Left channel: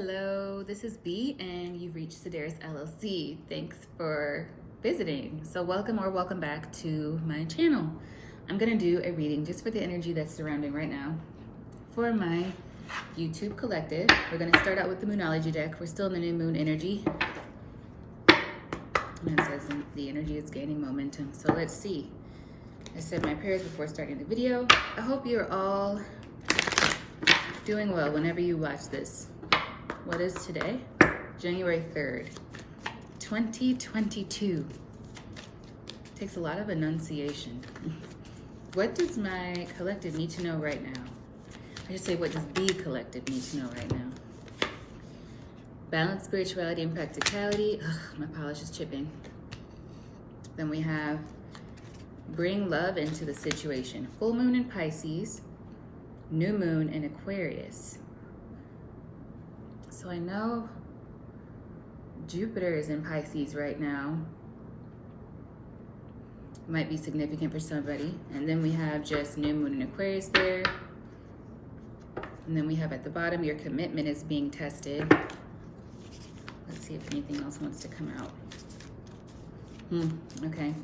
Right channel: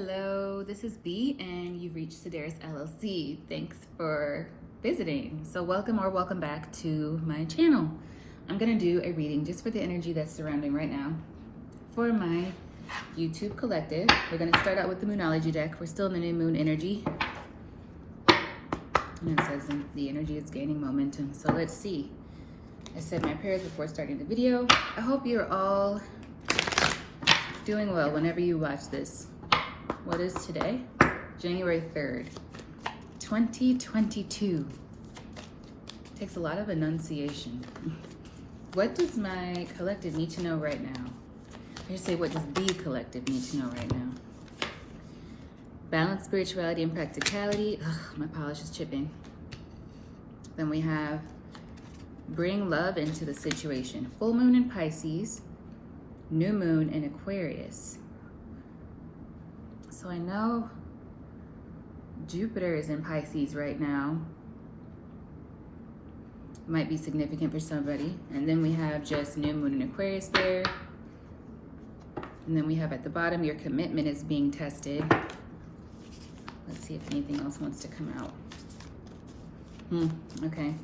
Hello, this is B and you've reached Sedaris LLC. Thanks for visiting. So welcome back to my channel. I'm gonna do a reading just for the energy that's surrounding right now for my YouTube collective. We're gonna start out with the Moonology deck. We're still in the new moon energy. And it says the energy is gaining momentum. So let's see. I said my prayers before starting the video. I hope you're all doing well whenever you watch this. What is today? January 3rd, 2022. Takes a lot of enunciation. What does my collective need to know right now? I just say, what does the collective need to know right now? Balance, spirituality, and practicality. Ugh, my polish is chipping. Then we have bring love into the situation. Full moon in Pisces, new moon in Aquarius. So I know Jupiter is in Pisces right now. Might be significant for somebody. And then we have just new moon in Aquarius there. And then we have at the bottom, your commitment is being tested. Let's see if anything else wants to come out. Okay.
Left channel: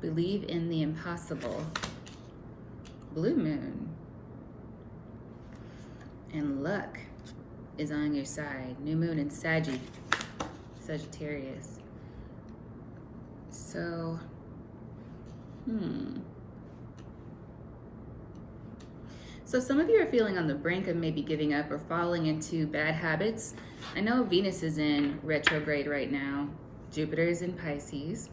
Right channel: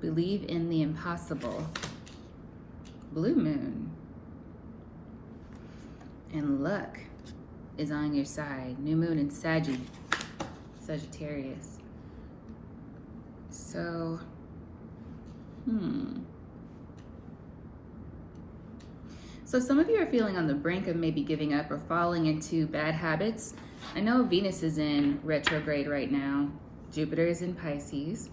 Believe in the impossible. Blue moon. And luck is on your side. New moon in Sagittarius. So, So some of you are feeling on the brink of maybe giving up or falling into bad habits. I know Venus is in retrograde right now. Jupiter is in Pisces.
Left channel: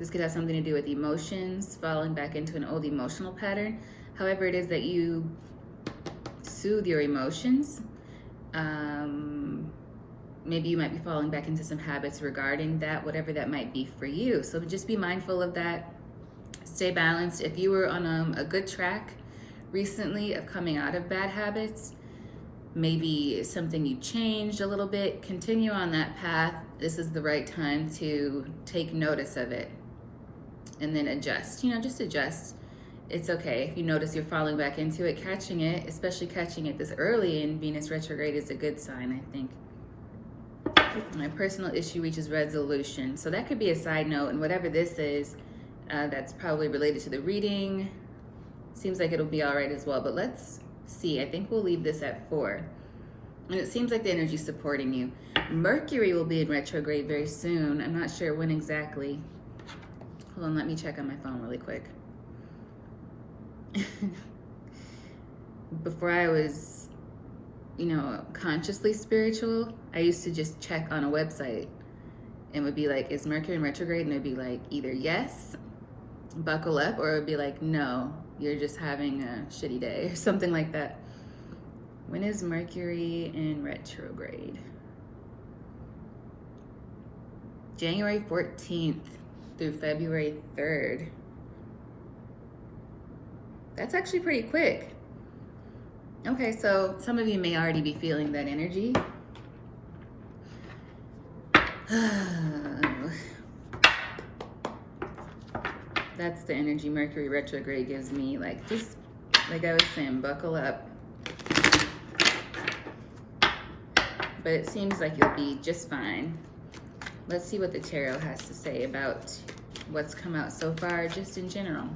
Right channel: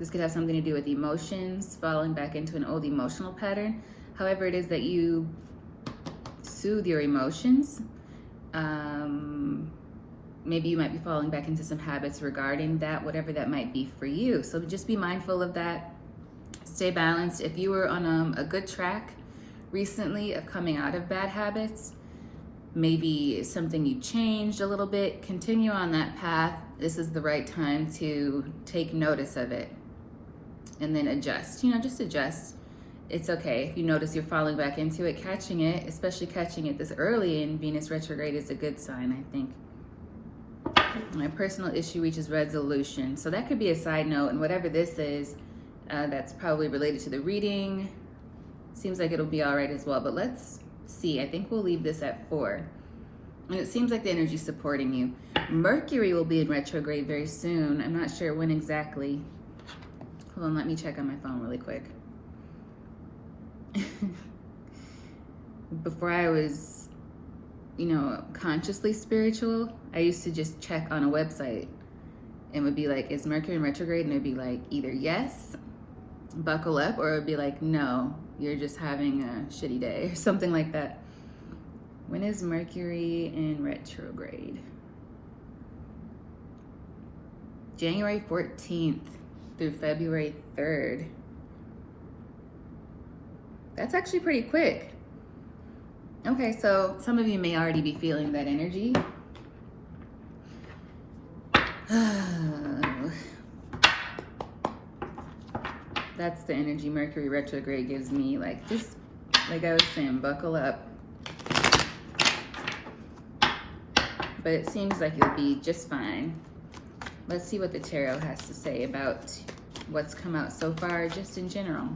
This could have something to do with emotions, falling back into an old emotional pattern. However it is that you soothe your emotions. Maybe you might be falling back into some habits regarding that, whatever that might be for you. So just be mindful of that. Stay balanced. If you were on a good track recently of coming out of bad habits, maybe something you changed a little bit, continue on that path. This is the right time to take notice of it and then adjust. Just adjust. It's okay if you notice you're falling back into it. Catching it, especially catching it this early in Venus retrograde, is a good sign, I think. My personal issue reaches resolution. So that could be a side note, and whatever this is, that's probably related to the reading. Seems like it'll be all right as well, but let's see. I think we'll leave this at 4. And it seems like the energy's supporting you. Mercury will be in retrograde very soon. I'm not sure when exactly. Hold on, let me check on my phone really quick. Before I was, consciously spiritual, I used to just check on a website and would be like, is Mercury in retrograde? And it'd be like, either yes, buckle up, or it'd be like, no, you're just having a shitty day, or something like that. When is Mercury in retrograde? January 14th through February 3rd. That's actually pretty quick. Okay, so some of you may already be feeling that energy. That's the energy Mercury retrograde gives me. Just like I was saying, buckle up. But it seems like you'll be just fine. Let's see what the tarot has to say about what's come out so far, just in general.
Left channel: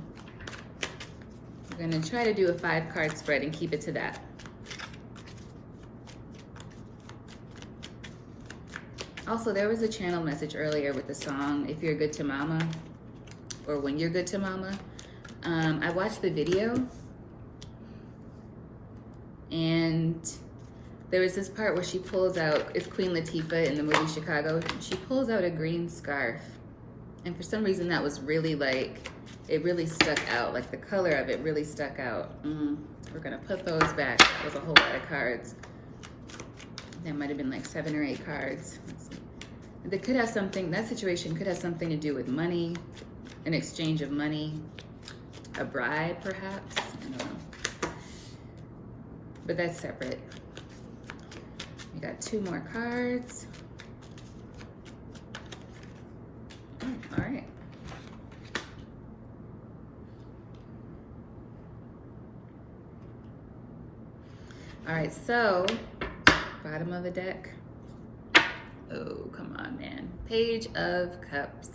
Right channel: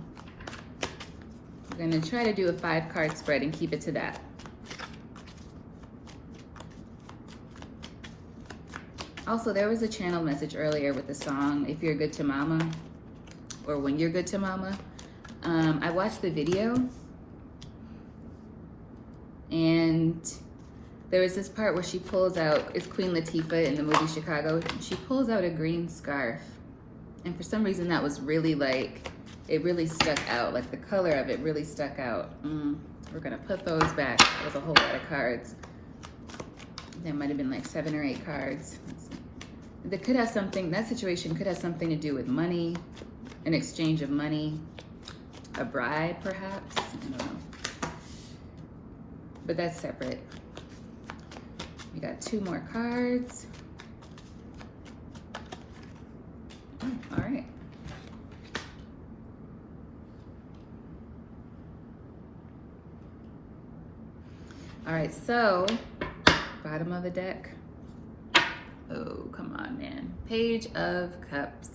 We're going to try to do a 5-card spread and keep it to that. Also, there was a channel message earlier with the song, If You're Good to Mama, or When You're Good to Mama. I watched the video, and there was this part where she pulls out, it's Queen Latifah in the movie Chicago, she pulls out a green scarf. And for some reason that was really it really stuck out, the color of it really stuck out. We're gonna put those back. There's a whole lot of cards. There might have been 7 or 8 cards. That could have something, that situation could have something to do with money, an exchange of money, a bribe perhaps, I don't know. But that's separate. We got 2 more cards. All right. All right, so bottom of the deck. Oh, come on, man. Page of Cups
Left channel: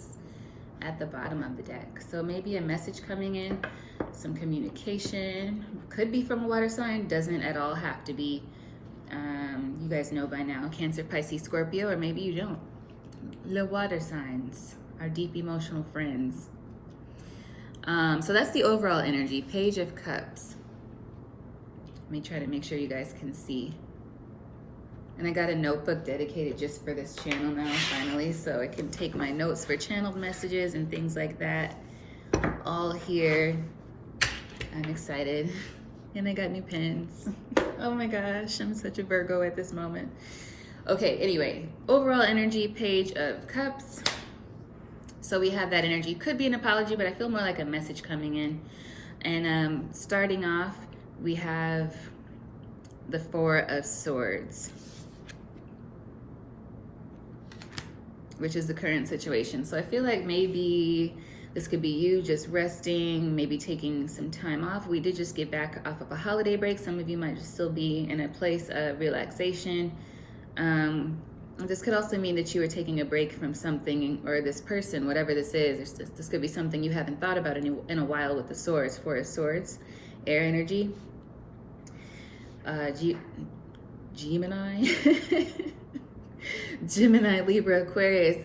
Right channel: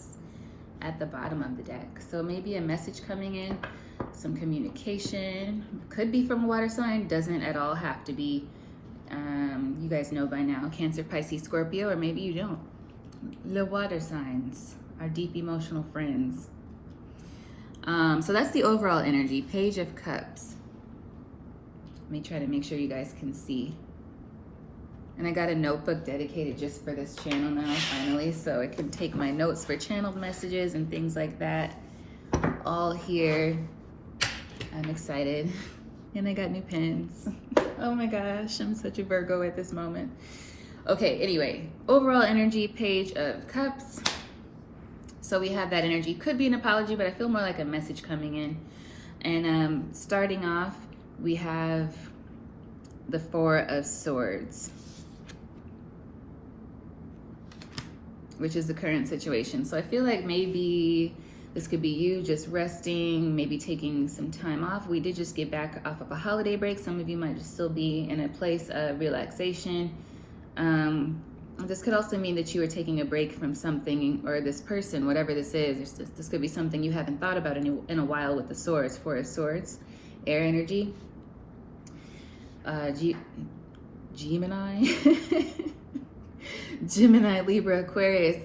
at the bottom of the deck. So maybe a message coming in, some communication. Could be from a water sign, doesn't at all have to be. You guys know by now, Cancer, Pisces, Scorpio, or maybe you don't. The water signs, our deep emotional friends. So that's the overall energy, Page of Cups. Let me try to make sure you guys can see. And I got a notebook dedicated just for this channel now, finally, so I can take my notes for channeled messages and things like that. All here. I'm excited. And I got new pens. Oh my gosh, I'm such a Virgo at this moment. Okay, anyway, overall energy, Page of Cups. So we have that energy. Could be an apology, but I feel more like a message coming in. And starting off, we have the Four of Swords, which is the current situation. So I feel like maybe this could be you just resting, maybe taking some time off. We did just get back off of a holiday break. Some of you might just still be in a place of relaxation. This could also mean that you are taking a break from something, or this person, whatever this is. This could be something you haven't thought about in a while with the Swords, Four of Swords, air energy. Gemini. Gemini, Libra, Aquarius.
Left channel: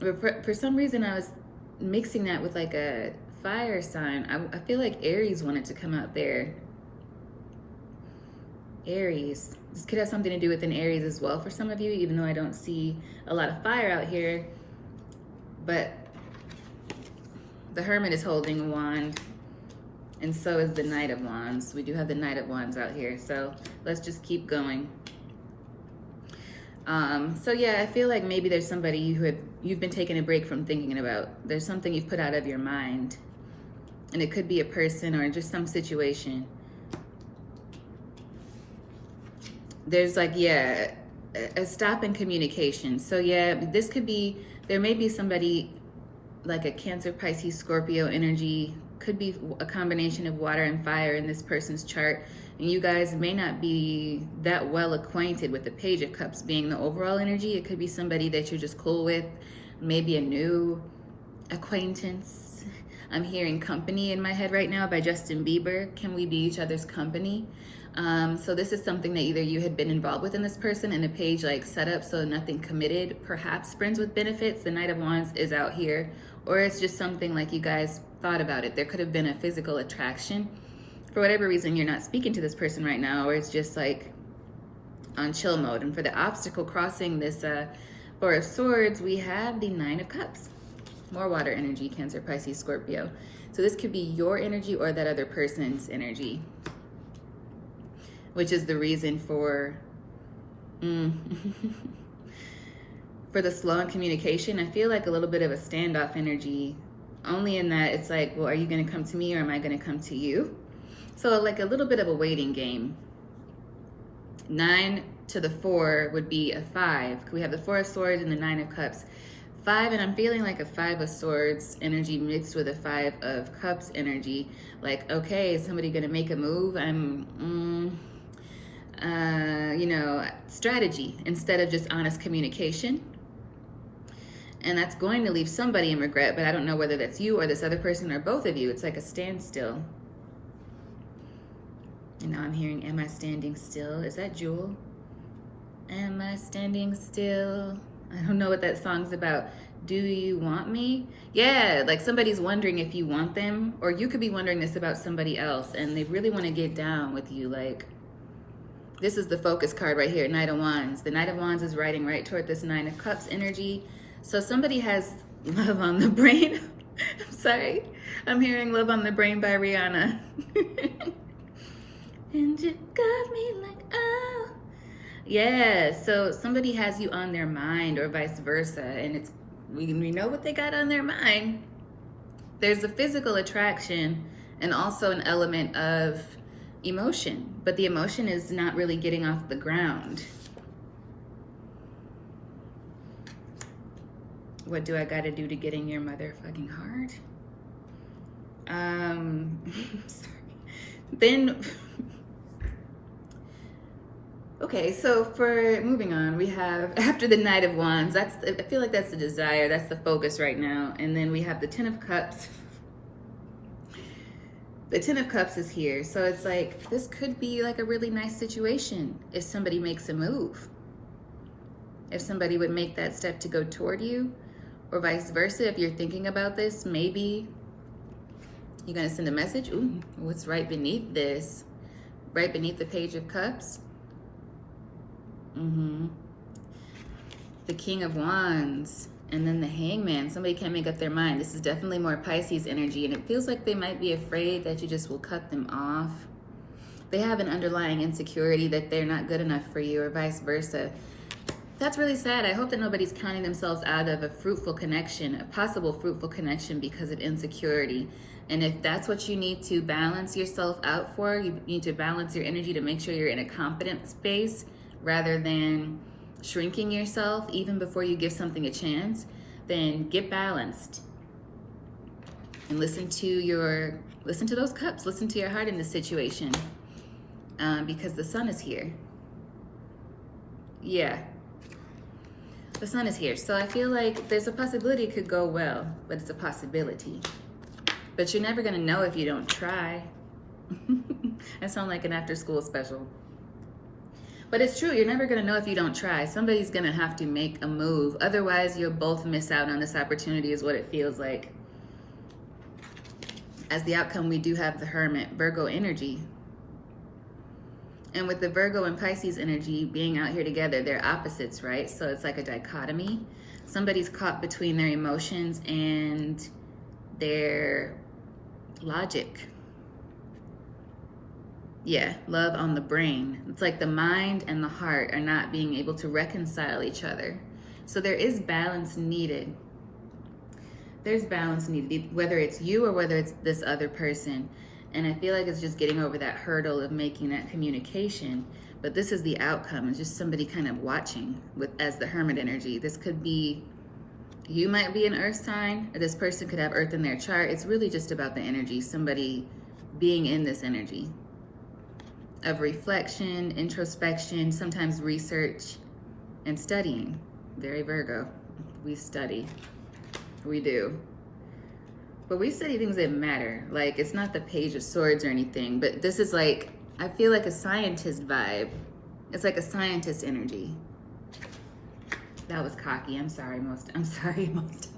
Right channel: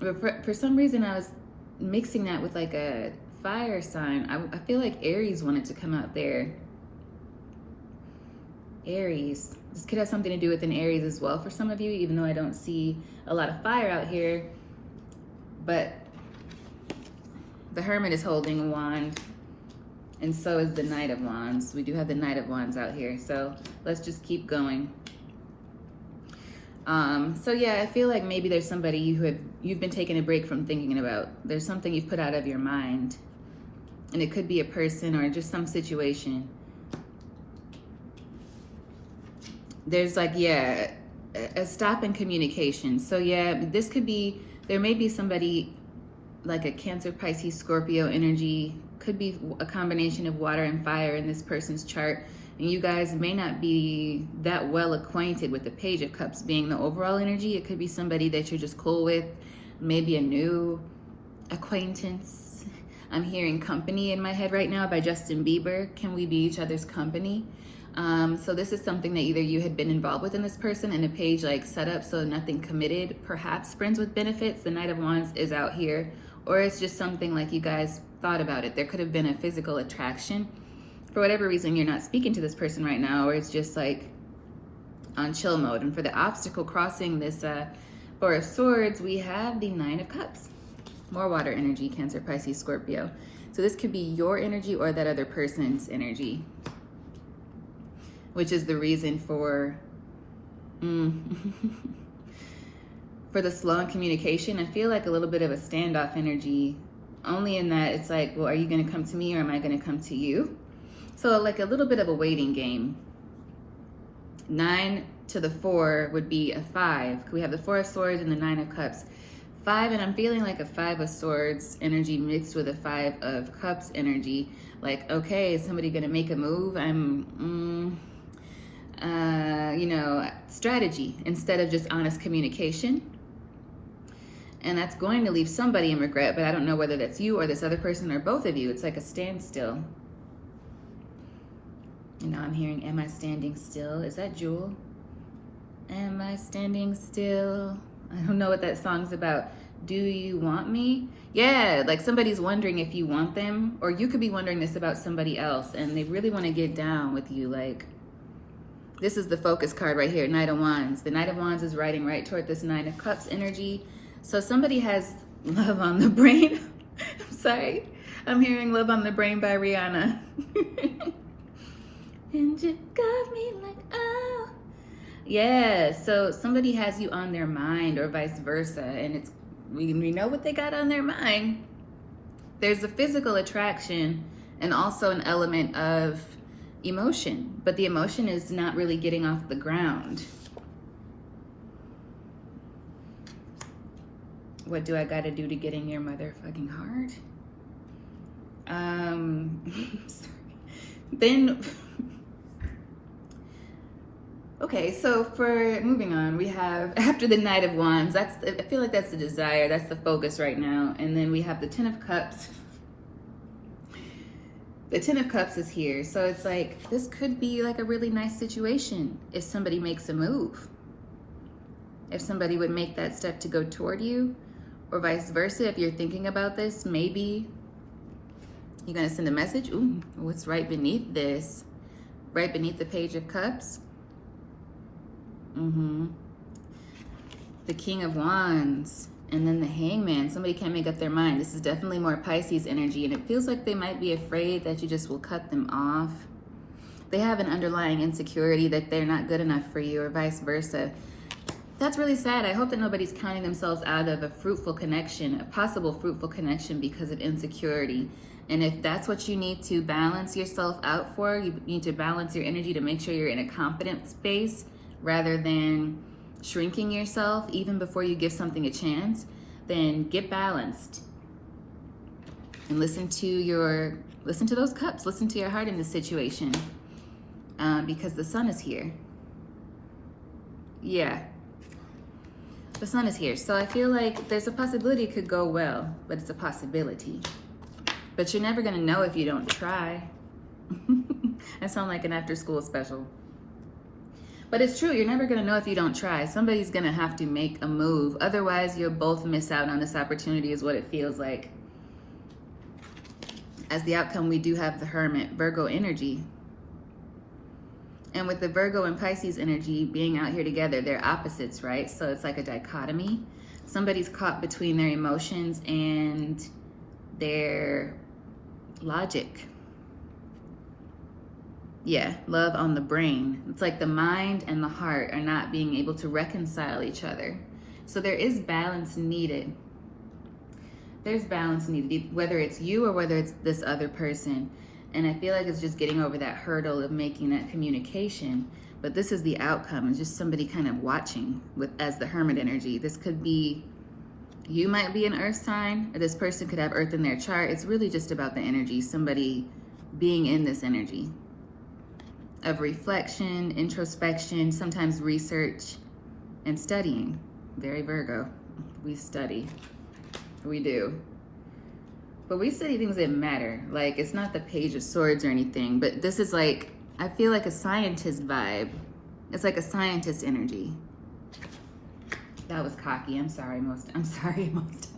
For some reason, I was mixing that with like a fire sign. I feel like Aries wanted to come out there. Aries. This could have something to do with an Aries as well for some of you, even though I don't see a lot of fire out here. But the Hermit is holding a wand, and so is the Knight of Wands. We do have the Knight of Wands out here, so let's just keep going. So yeah, I feel like maybe there's somebody you've been taking a break from thinking about. There's something you've put out of your mind, and it could be a person or just some situation. There's like, yeah, a stop in communication. So yeah, this could be, there may be somebody like a Cancer, Pisces, Scorpio energy. Could be a combination of water and fire in this person's chart. And you guys may not be that well acquainted with the Page of Cups being the overall energy. It could be somebody that you're just cool with, maybe a new acquaintance. I'm hearing Company in my head right now by Justin Bieber. Can we be each other's company? So this is something that either you had been involved with in this person and a page like set up, so nothing committed, perhaps friends with benefits. The Knight of Wands is out here, or it's just something like you guys thought about it. There could have been a physical attraction. For whatever reason, you're not speaking to this person right now, or it's just like on chill mode. And for the obstacle crossing this Four of Swords, we have the Nine of Cups. More water energy, Cancer, Pisces, Scorpio. So this could be your energy or that other person's energy, which is the reason for for the slow in communication. I feel like a little bit of a standoff energy, only in that it's like, well, are you gonna come to me or am I gonna come to you? So like a little bit of a waiting game. 9 to the 4 would be a 5. We have the Four of Swords and the Nine of Cups. 5, and I'm feeling like a Five of Swords energy mixed with a Five of Cups energy. Like, okay, is somebody gonna make a move? You know, strategy instead of just honest communication. And that's going to leave somebody in regret, but I don't know whether that's you or this other person or both of you. It's like a standstill. And now I'm hearing, am I standing still? Is that Jewel? Am I standing still? I don't know what that song's about. Do you want me? Yeah, like somebody's wondering if you want them, or you could be wondering this about somebody else and they really want to get down with you. Like, this is the focus card right here, Knight of Wands. The Knight of Wands is riding right toward this Nine of Cups energy. So somebody has love on the brain. I'm sorry. I'm hearing Love on the Brain by Rihanna. And you got me like, oh. Yeah, so somebody has you on their mind or vice versa. And it's, we know what they got on their mind. There's a physical attraction and also an element of emotion, but the emotion is not really getting off the ground. What do I gotta do to get in your motherfucking heart? Sorry. Then Okay, so for moving on, we have after the Knight of Wands, I feel like that's the desire, that's the focus right now. And then we have the Ten of Cups. The Ten of Cups is here. So it's like, this could be like a really nice situation if somebody makes a move. If somebody would make that step to go toward you, or vice versa. If you're thinking about this, maybe you're gonna send a message. Ooh, what's right beneath this? Right beneath the Page of Cups. The King of Wands, and then the Hangman. Somebody can't make up their mind. This is definitely more Pisces energy, and it feels like they might be afraid that you just will cut them off. They have an underlying insecurity that they're not good enough for you, or vice versa. That's really sad. I hope that nobody's counting themselves out of a fruitful connection, a possible fruitful connection, because of insecurity. And if that's what you need to balance yourself out for, you need to balance your energy to make sure you're in a confident space rather than shrinking yourself even before you give something a chance, then get balanced. And listen to those cups, listen to your heart in this situation, because the Sun is here. Yeah, the Sun is here. So I feel like there's a possibility it could go well, but it's a possibility. But you're never gonna know if you don't try. I sound like an after school special. But it's true, you're never gonna know if you don't try. Somebody's gonna have to make a move. Otherwise, you'll both miss out on this opportunity is what it feels like. As the outcome, we do have the Hermit, Virgo energy. And with the Virgo and Pisces energy being out here together, they're opposites, right? So it's like a dichotomy. Somebody's caught between their emotions and their logic. Yeah, love on the brain. It's like the mind and the heart are not being able to reconcile each other. So there is balance needed. There's balance needed, whether it's you or whether it's this other person. And I feel like it's just getting over that hurdle of making that communication. But this is the outcome. It's just somebody kind of watching as the Hermit energy. This could be, you might be an earth sign, or this person could have earth in their chart. It's really just about the energy, somebody being in this energy of reflection, introspection, sometimes research, and studying. Very Virgo. We study. We do. But we study things that matter. Like, it's not the Page of Swords or anything, but this is like, I feel like a scientist vibe. It's like a scientist energy. That was cocky. I'm sorry, most times.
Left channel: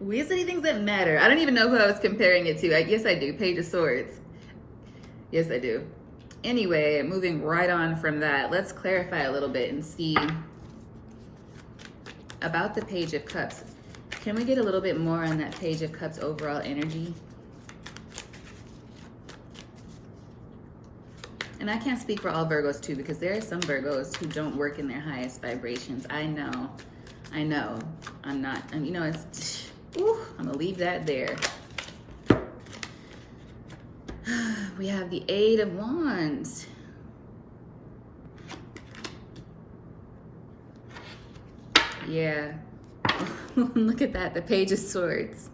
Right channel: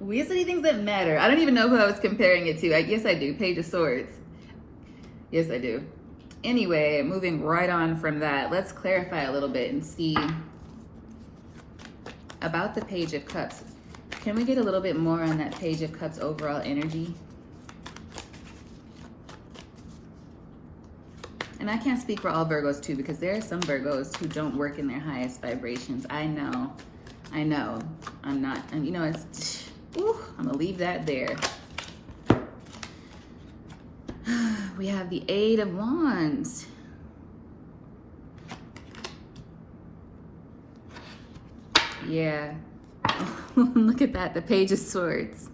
We study things that matter. I don't even know who I was comparing it to. Yes, I do. Page of Swords. Yes, I do. Anyway, moving right on from that, let's clarify a little bit and see about the Page of Cups. Can we get a little bit more on that Page of Cups overall energy? And I can't speak for all Virgos too, because there are some Virgos who don't work in their highest vibrations. I know. I'm not, you know, it's, I'm gonna leave that there. We have the Eight of Wands. Yeah. Look at that, the Page of Swords.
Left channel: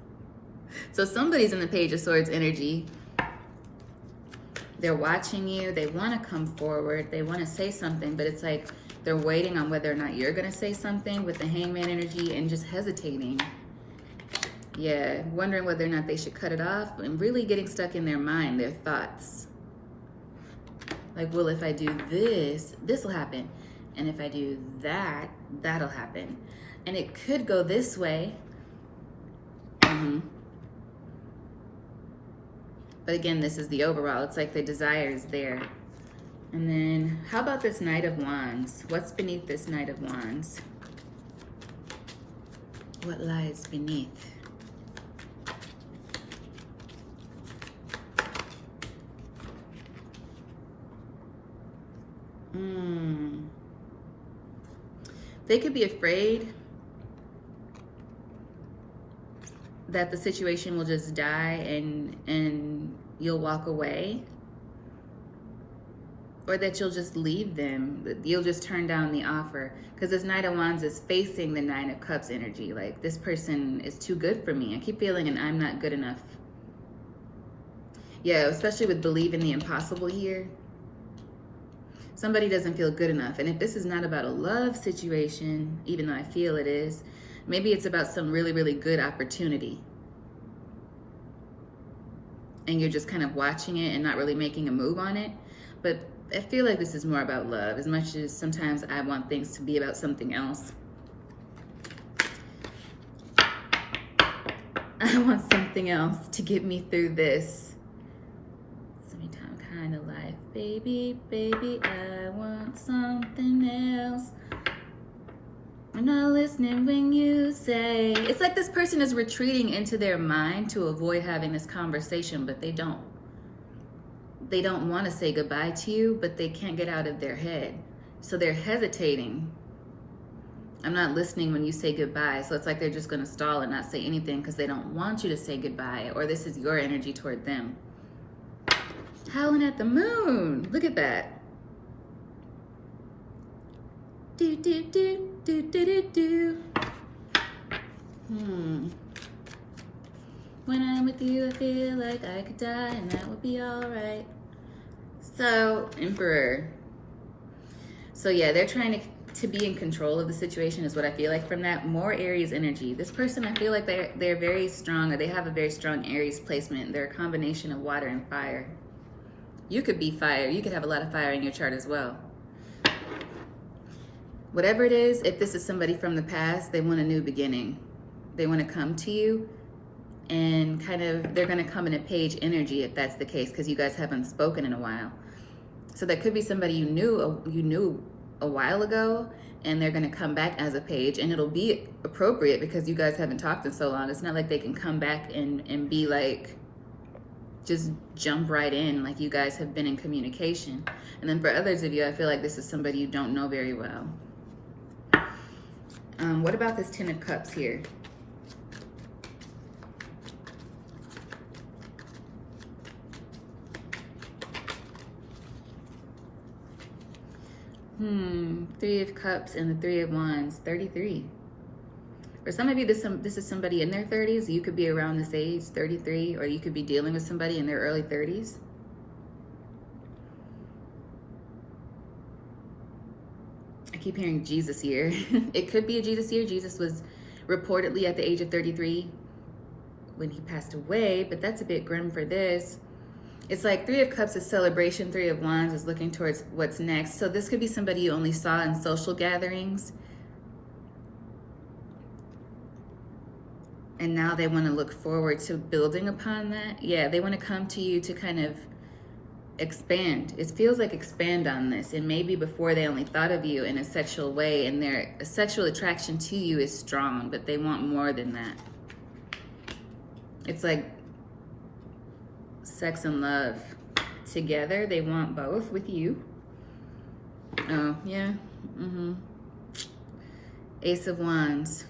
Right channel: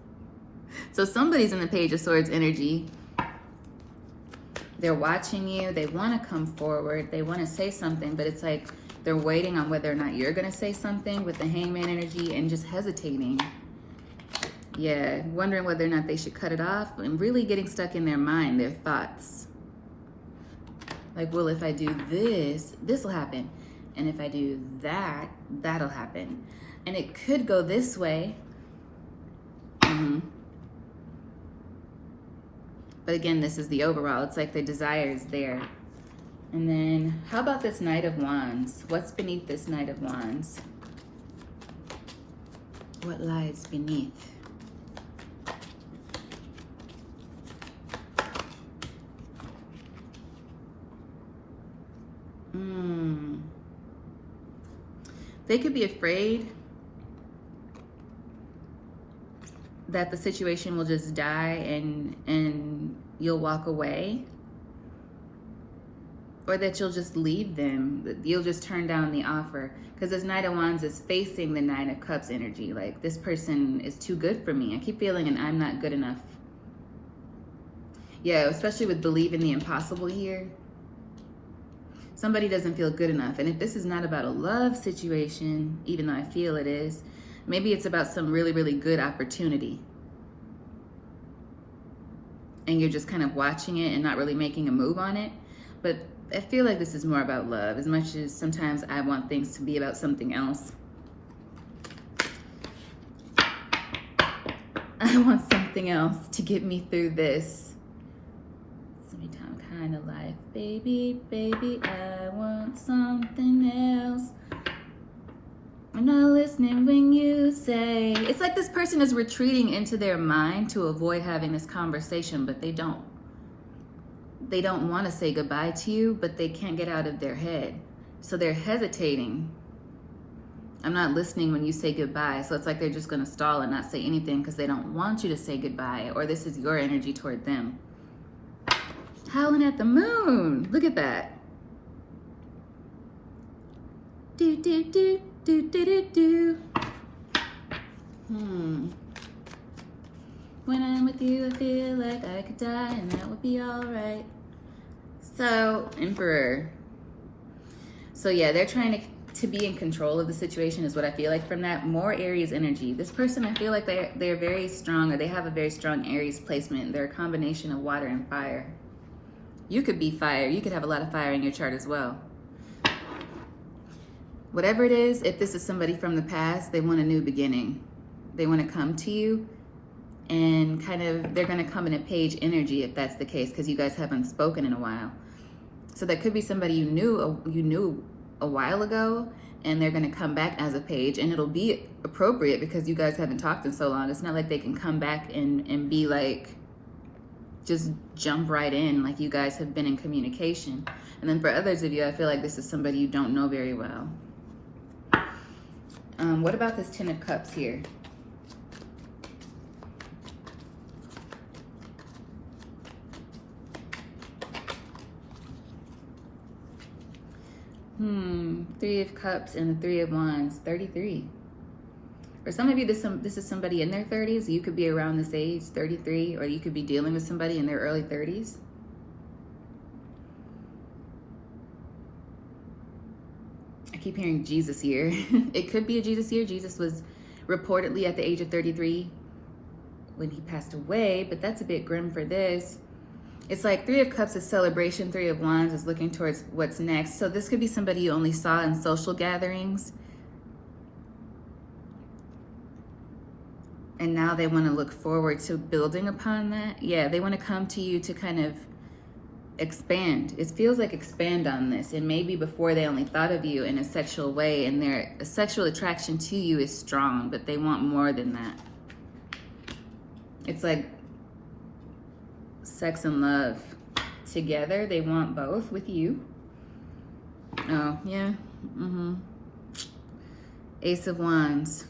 So somebody's in the Page of Swords energy. They're watching you. They want to come forward. They want to say something, but it's like they're waiting on whether or not you're going to say something with the Hangman energy and just hesitating. Yeah, wondering whether or not they should cut it off and really getting stuck in their mind, their thoughts. Like, well, if I do this, this will happen. And if I do that, that'll happen. And it could go this way. But again, this is the overall. It's like the desire is there. And then, how about this Knight of Wands? What's beneath this Knight of Wands? What lies beneath? They could be afraid that the situation will just die and you'll walk away, or that you'll just leave them, that you'll just turn down the offer. Because this Knight of Wands is facing the Nine of Cups energy. Like, this person is too good for me. I keep feeling an I'm not good enough. Yeah, especially with believing the impossible here. Somebody doesn't feel good enough. And if this is not about a love situation, even though I feel it is, maybe it's about some really, really good opportunity. And you're just kind of watching it and not really making a move on it. But I feel like this is more about love, as much as sometimes I want things to be about something else. I want something else to get me through this. Summertime kind of life. Baby, baby, I want something else. I'm not listening when you say. It's like this person is retreating into their mind to avoid having this conversation, but they don't. They don't want to say goodbye to you, but they can't get out of their head. So they're hesitating. I'm not listening when you say goodbye. So it's like they're just going to stall and not say anything because they don't want you to say goodbye, or this is your energy toward them. Howling at the moon. Look at that. Do, do, do, do, do, do, do. When I'm with you, I feel like I could die and that would be alright. So, Emperor. So yeah, they're trying to be in control of the situation is what I feel like from that. More Aries energy. This person, I feel like they're very strong, or they have a very strong Aries placement. They're a combination of water and fire. You could be fire. You could have a lot of fire in your chart as well. Whatever it is, if this is somebody from the past, they want a new beginning. They want to come to you and kind of, they're going to come in a page energy if that's the case, because you guys haven't spoken in a while. So that could be somebody you knew a while ago, and they're going to come back as a page, and it'll be appropriate because you guys haven't talked in so long. It's not like they can come back and be like, just jump right in like you guys have been in communication. And then for others of you, I feel like this is somebody you don't know very well. What about this Ten of Cups here? Three of Cups and the Three of Wands, 33. For some of you, this is somebody in their 30s. You could be around this age, 33, or you could be dealing with somebody in their early 30s. I keep hearing Jesus year. It could be a Jesus year. Jesus was reportedly at the age of 33 when he passed away, but that's a bit grim for this. It's like Three of Cups is celebration, Three of Wands is looking towards what's next. So this could be somebody you only saw in social gatherings, and now they want to look forward to building upon that. Yeah, they want to come to you to kind of expand. It feels like expand on this. And maybe before they only thought of you in a sexual way, and their sexual attraction to you is strong, but they want more than that. It's like sex and love together. They want both with you. Oh, yeah. Ace of Wands.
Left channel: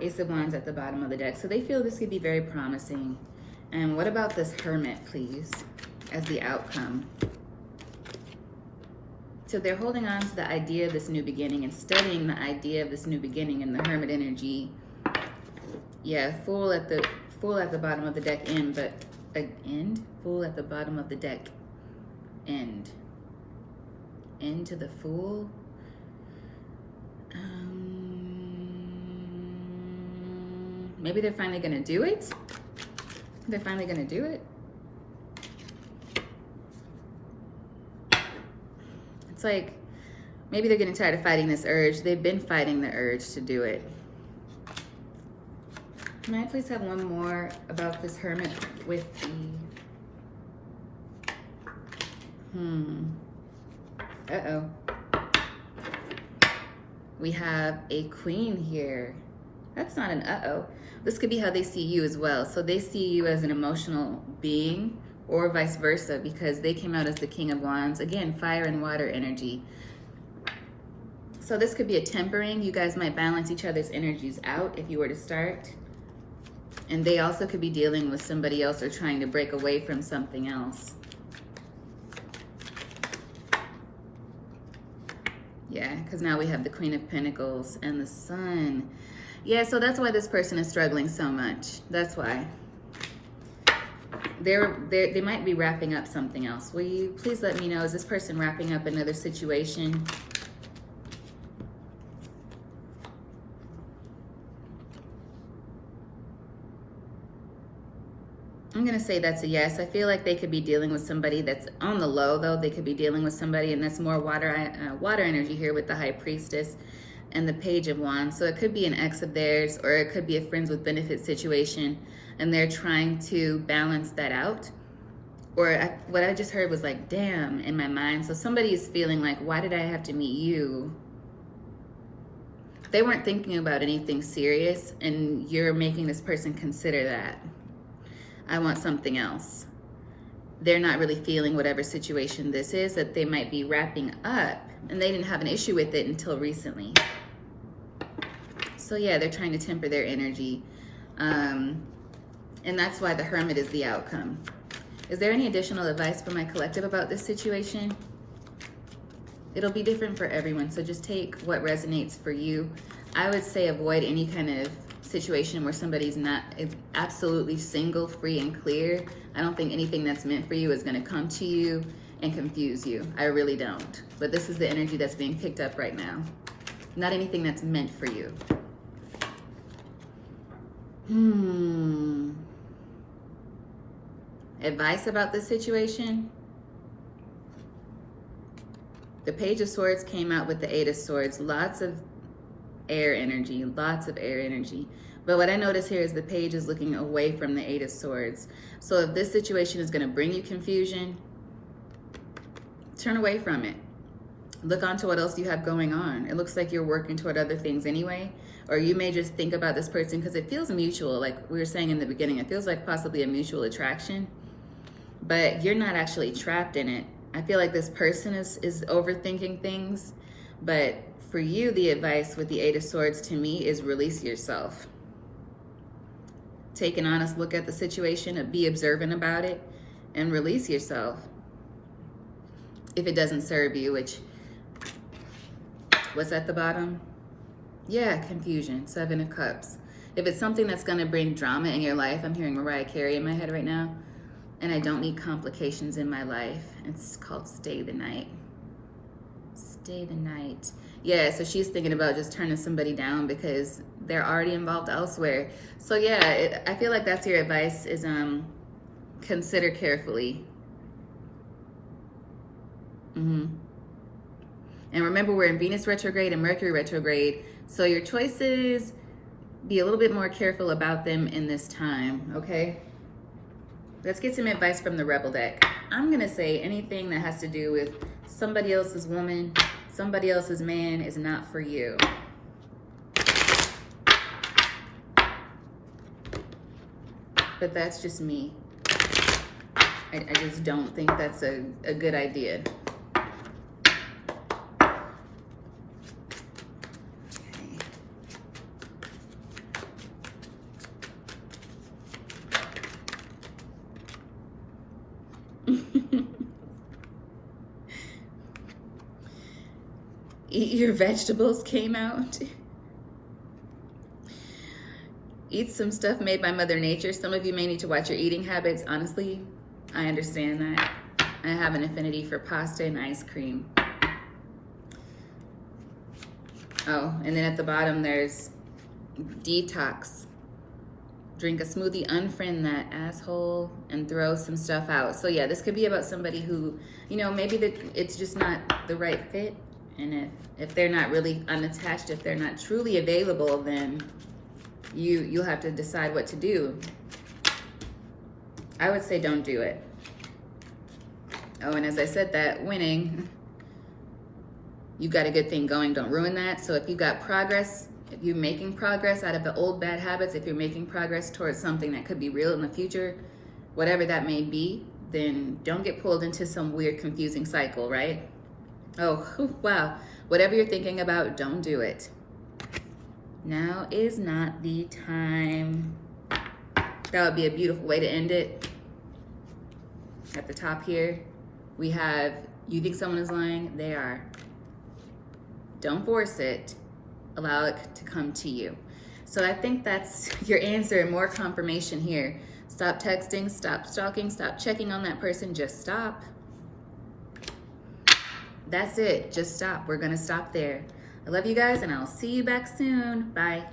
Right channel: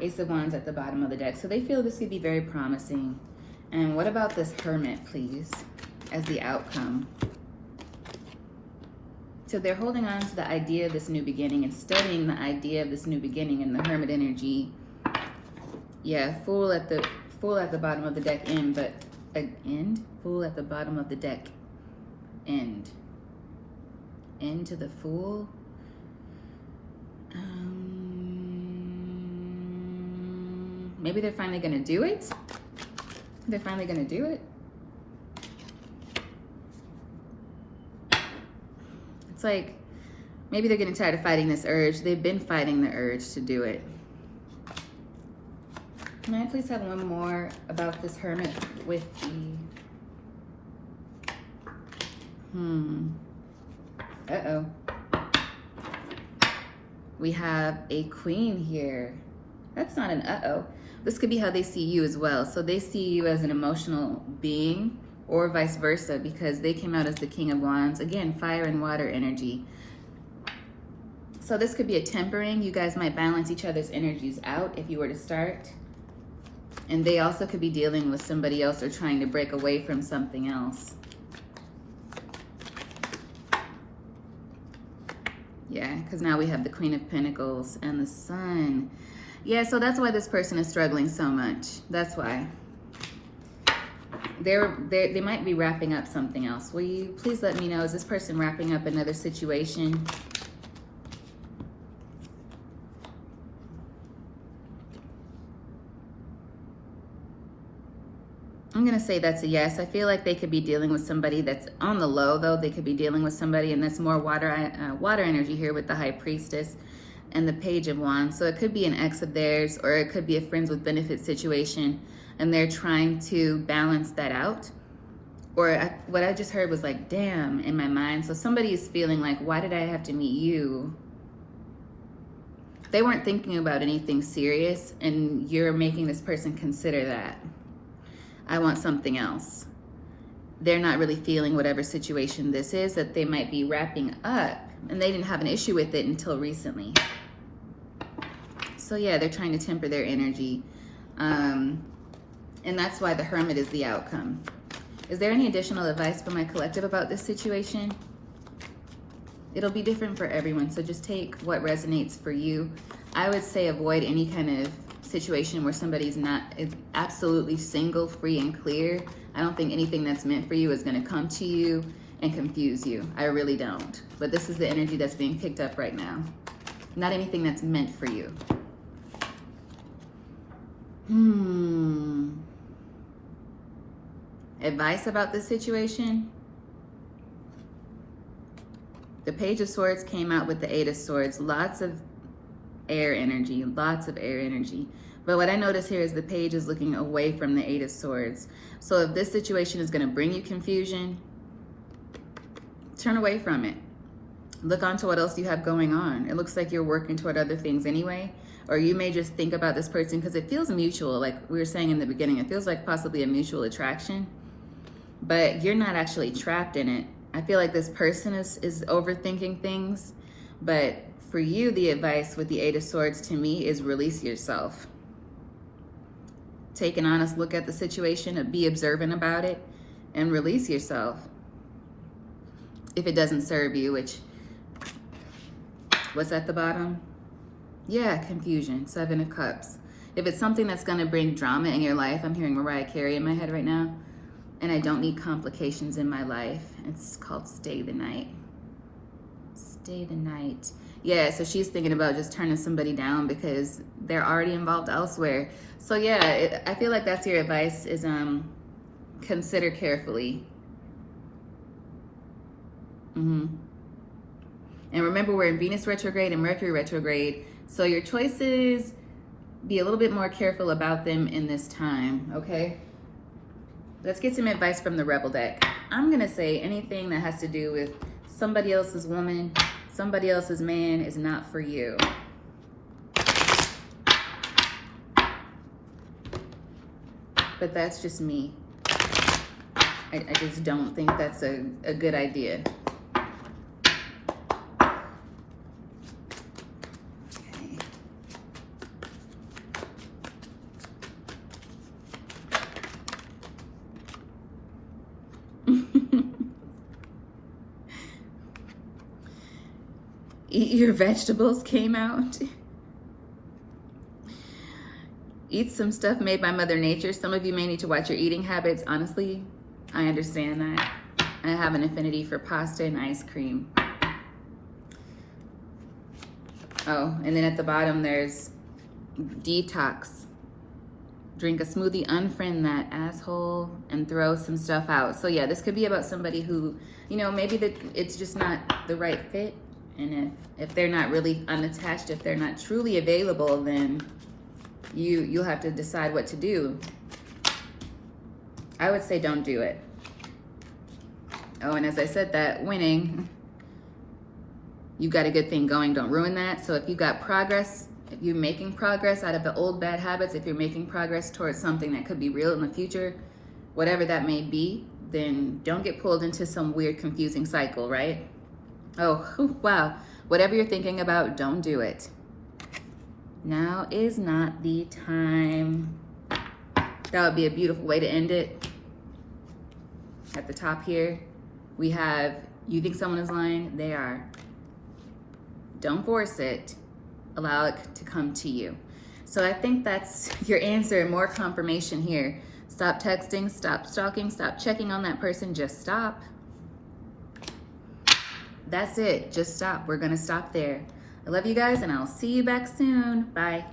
Ace of Wands at the bottom of the deck. So they feel this could be very promising. And what about this Hermit, please, as the outcome? So they're holding on to the idea of this new beginning and studying the idea of this new beginning in the Hermit energy. Yeah, Fool at the bottom of the deck, end, but end? Fool at the bottom of the deck, end. End to the Fool. Maybe they're finally gonna do it. They're finally gonna do it. It's like maybe they're getting tired of fighting this urge. They've been fighting the urge to do it. Can I please have one more about this Hermit with the... Uh-oh. We have a Queen here. That's not an uh-oh. This could be how they see you as well. So they see you as an emotional being, or vice versa, because they came out as the King of Wands. Again, fire and water energy. So this could be a tempering. You guys might balance each other's energies out if you were to start. And they also could be dealing with somebody else or trying to break away from something else. Yeah, because now we have the Queen of Pentacles and the Sun. Yeah, so that's why this person is struggling so much. That's why. They might be wrapping up something else. Will you please let me know, is this person wrapping up another situation? I'm going to say that's a yes. I feel like they could be dealing with somebody that's on the low, though. They could be dealing with somebody, and that's more water energy here with the High Priestess and the Page of Wands. So it could be an ex of theirs, or it could be a friends with benefit situation, and they're trying to balance that out. Or what I just heard was like, damn, in my mind. So somebody is feeling like, why did I have to meet you? They weren't thinking about anything serious, and you're making this person consider that. I want something else. They're not really feeling whatever situation this is that they might be wrapping up, and they didn't have an issue with it until recently. So yeah, they're trying to temper their energy. And that's why the Hermit is the outcome. Is there any additional advice for my collective about this situation? It'll be different for everyone, so just take what resonates for you. I would say avoid any kind of situation where somebody's is absolutely single, free, and clear. I don't think anything that's meant for you is going to come to you and confuse you. I really don't. But this is the energy that's being picked up right now. Not anything that's meant for you. Advice about this situation? The Page of Swords came out with the Eight of Swords. Lots of air energy, lots of air energy. But what I notice here is the Page is looking away from the Eight of Swords. So if this situation is going to bring you confusion, turn away from it. Look onto what else you have going on. It looks like you're working toward other things anyway. Or you may just think about this person because it feels mutual. Like we were saying in the beginning, it feels like possibly a mutual attraction. But you're not actually trapped in it. I feel like this person is overthinking things. But for you, the advice with the Eight of Swords to me is release yourself. Take an honest look at the situation and be observant about it and release yourself. If it doesn't serve you, which, what's at the bottom? Yeah, confusion, Seven of Cups. If it's something that's going to bring drama in your life, I'm hearing Mariah Carey in my head right now, and I don't need complications in my life. It's called Stay the Night. Stay the night. Yeah, so she's thinking about just turning somebody down because they're already involved elsewhere. So yeah, I feel like that's your advice is consider carefully. And remember, we're in Venus retrograde and Mercury retrograde. So your choices, be a little bit more careful about them in this time, okay? Let's get some advice from the Rebel deck. I'm gonna say anything that has to do with somebody else's woman, somebody else's man is not for you. But that's just me. I just don't think that's a good idea. Eat your vegetables came out. Eat some stuff made by Mother Nature. Some of you may need to watch your eating habits. Honestly, I understand that. I have an affinity for pasta and ice cream. Oh, and then at the bottom there's detox. Drink a smoothie, unfriend that asshole, and throw some stuff out. So yeah, this could be about somebody who, you know, maybe it's just not the right fit. And if they're not really unattached, if they're not truly available, then you'll have to decide what to do. I would say don't do it. Oh, and as I said that, winning, you got a good thing going, don't ruin that. So if you got progress, if you're making progress out of the old bad habits, if you're making progress towards something that could be real in the future, whatever that may be, then don't get pulled into some weird, confusing cycle, right? Oh, wow. Whatever you're thinking about, don't do it. Now is not the time. That would be a beautiful way to end it. At the top here, we have, you think someone is lying? They are. Don't force it. Allow it to come to you. So I think that's your answer and more confirmation here. Stop texting, stop stalking, stop checking on that person. Just stop. That's it. Just stop. We're going to stop there. I love you guys, and I'll see you back soon. Bye.